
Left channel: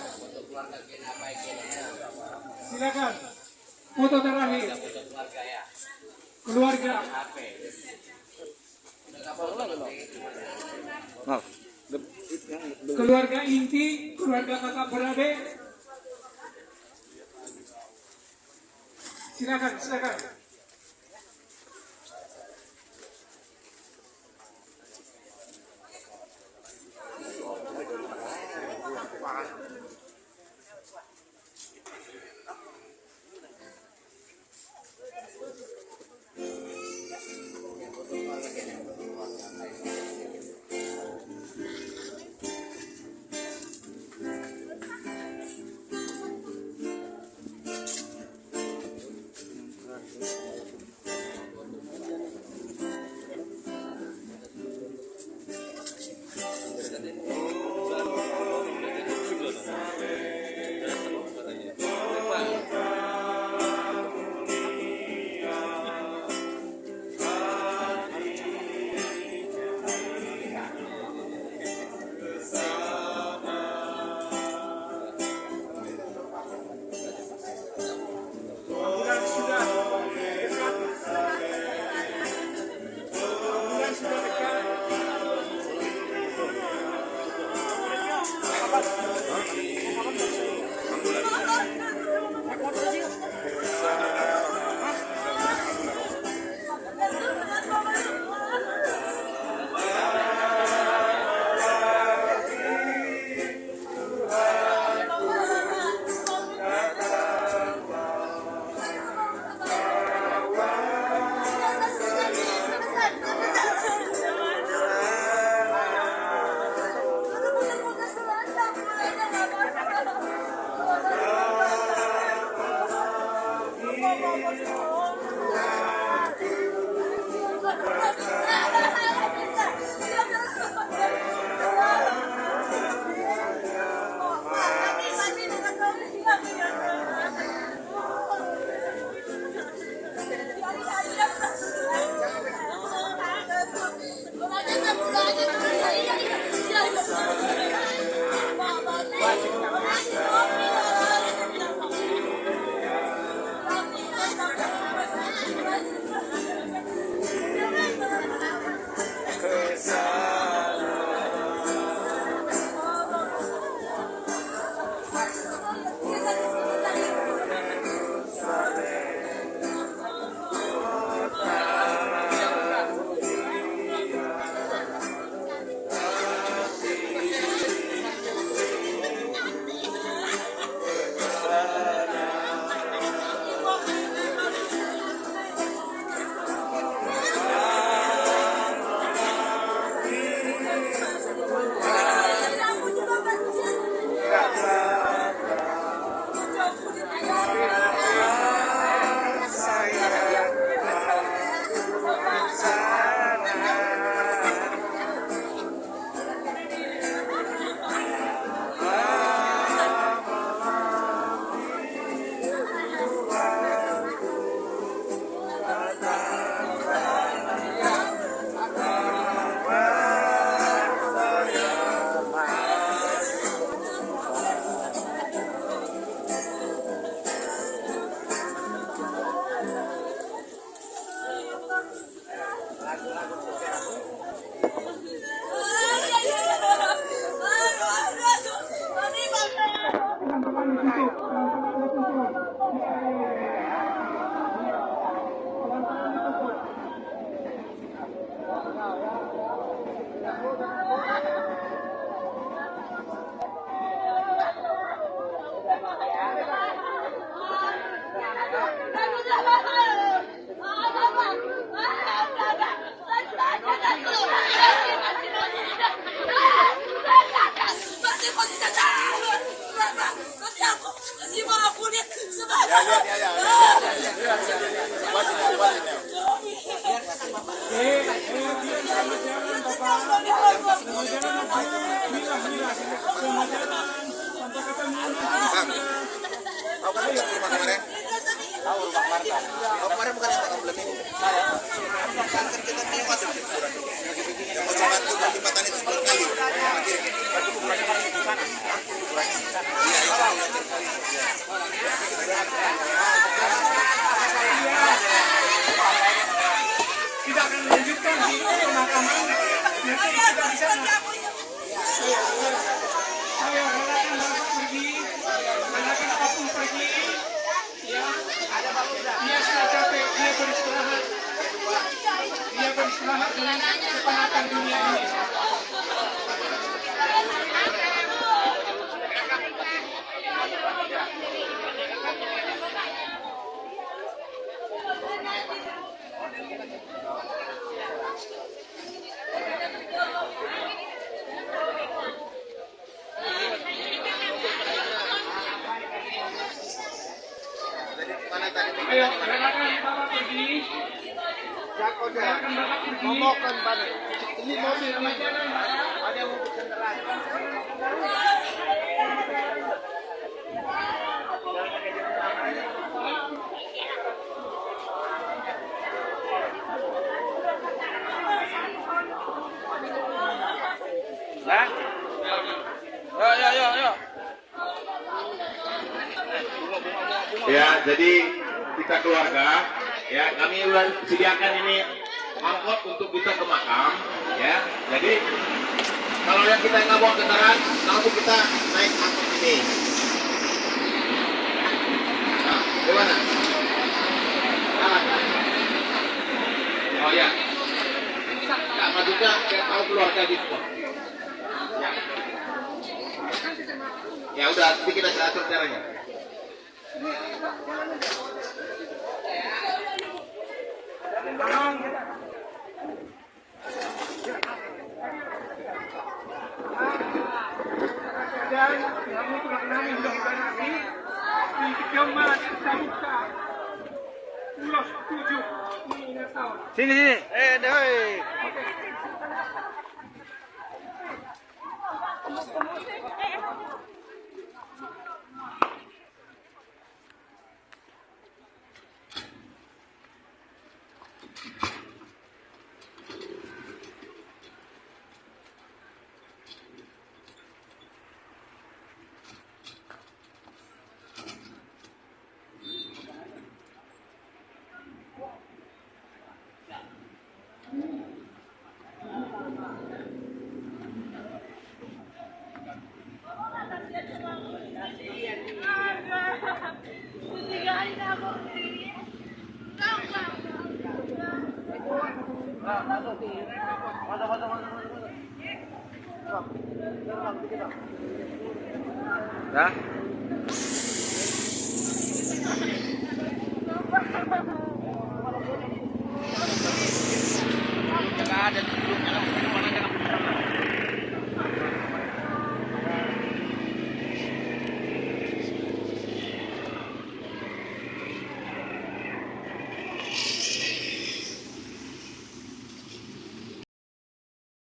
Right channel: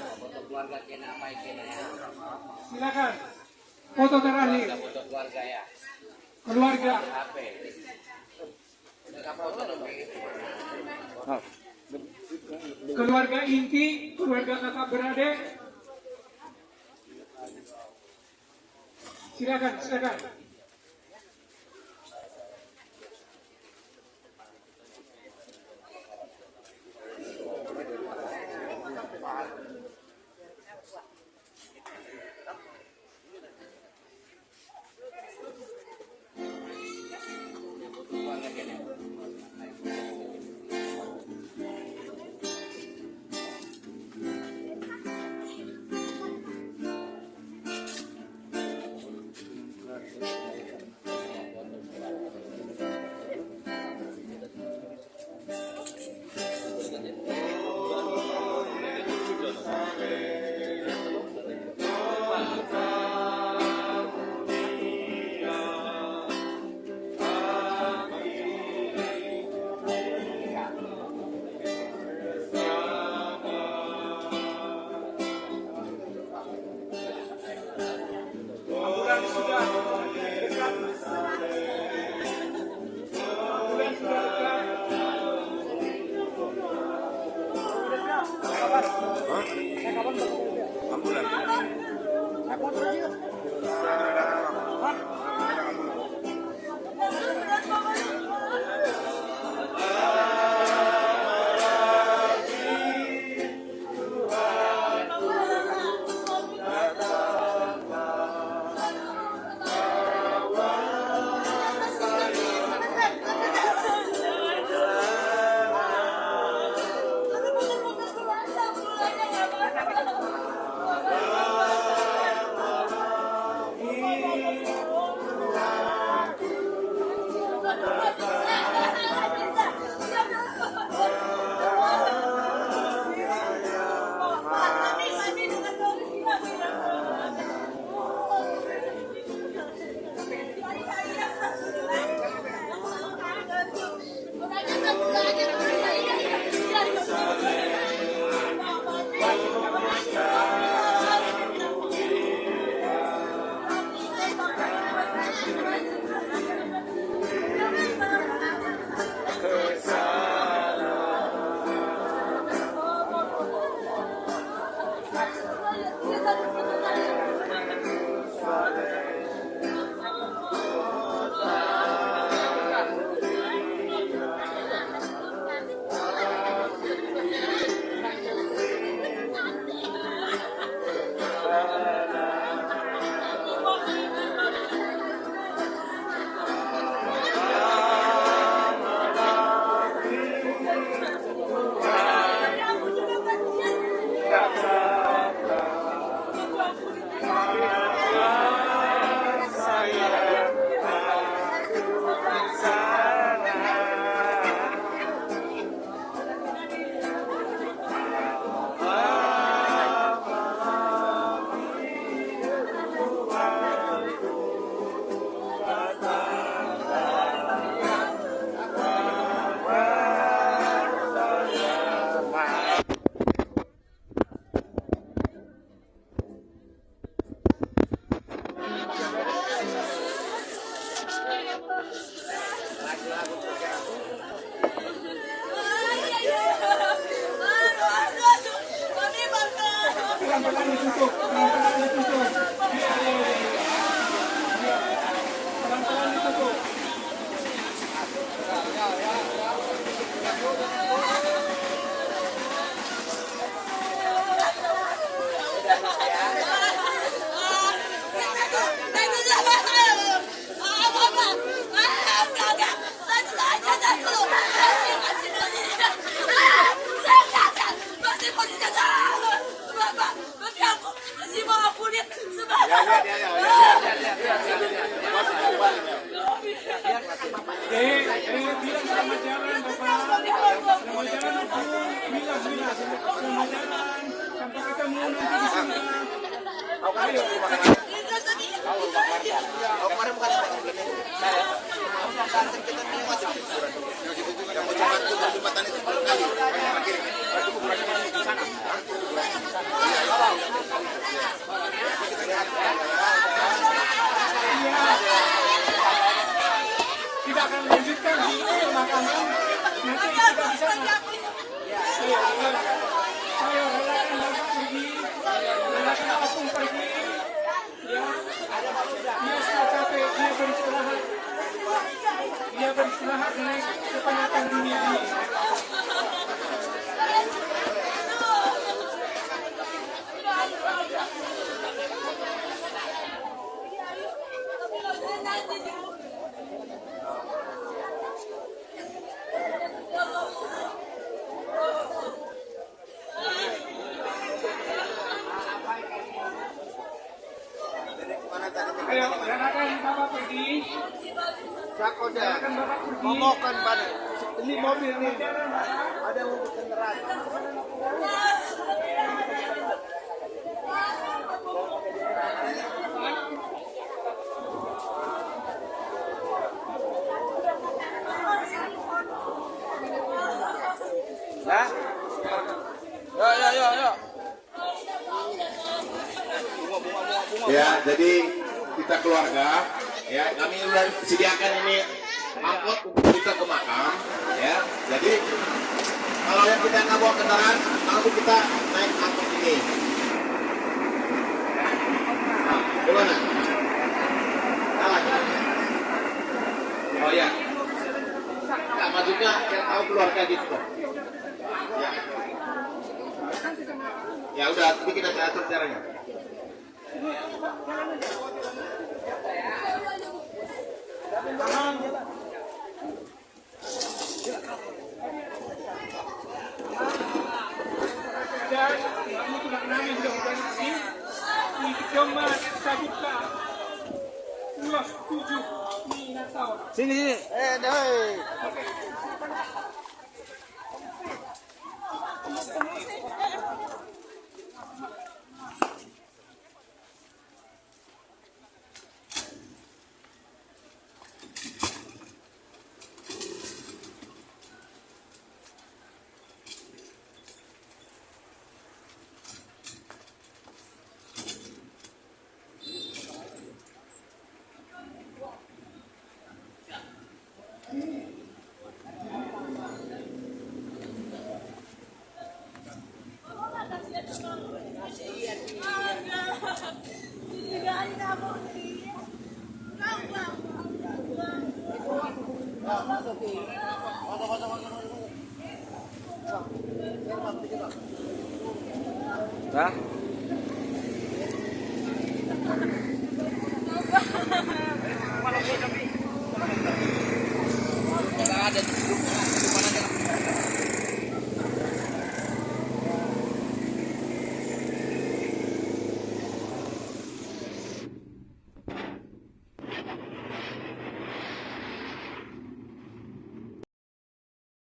Silakan. Foto terakhir. Keluarga. Keluarga inti, keluarga kakak beradik. Silakan, silakan. Tidak akan melanjutkan di pemakaman. Nanti kita bisa. Saya relakan Bapak pergi, relakan Apung pergi. Ya, dia sudah capek, dia beristirahat. Dia beristirahat dengan kepenatan dunia ini. Ayo, relakan Bapak pergi. Relakan Bapak pergi. Ngomongkan pada Ini mobil ini. ada kendaraan. Ya. Ya, jadi kita keluarga, ya kami sudah sediakan ini angkot untuk kita ke makam, ya. Jadi kalau yang kita nggak bawa kendaraan, langsung kita naik angkot ini. Nah, gimana? Oh ya, sama juga saya tahu keluarga di situ. Ya. Ya udah, nanti kita atur caranya. Dan kamu cuma kami sudah organisasi di Kecamatan Sabuka Pulau 7 di Natal. Sini. Doi. Dah.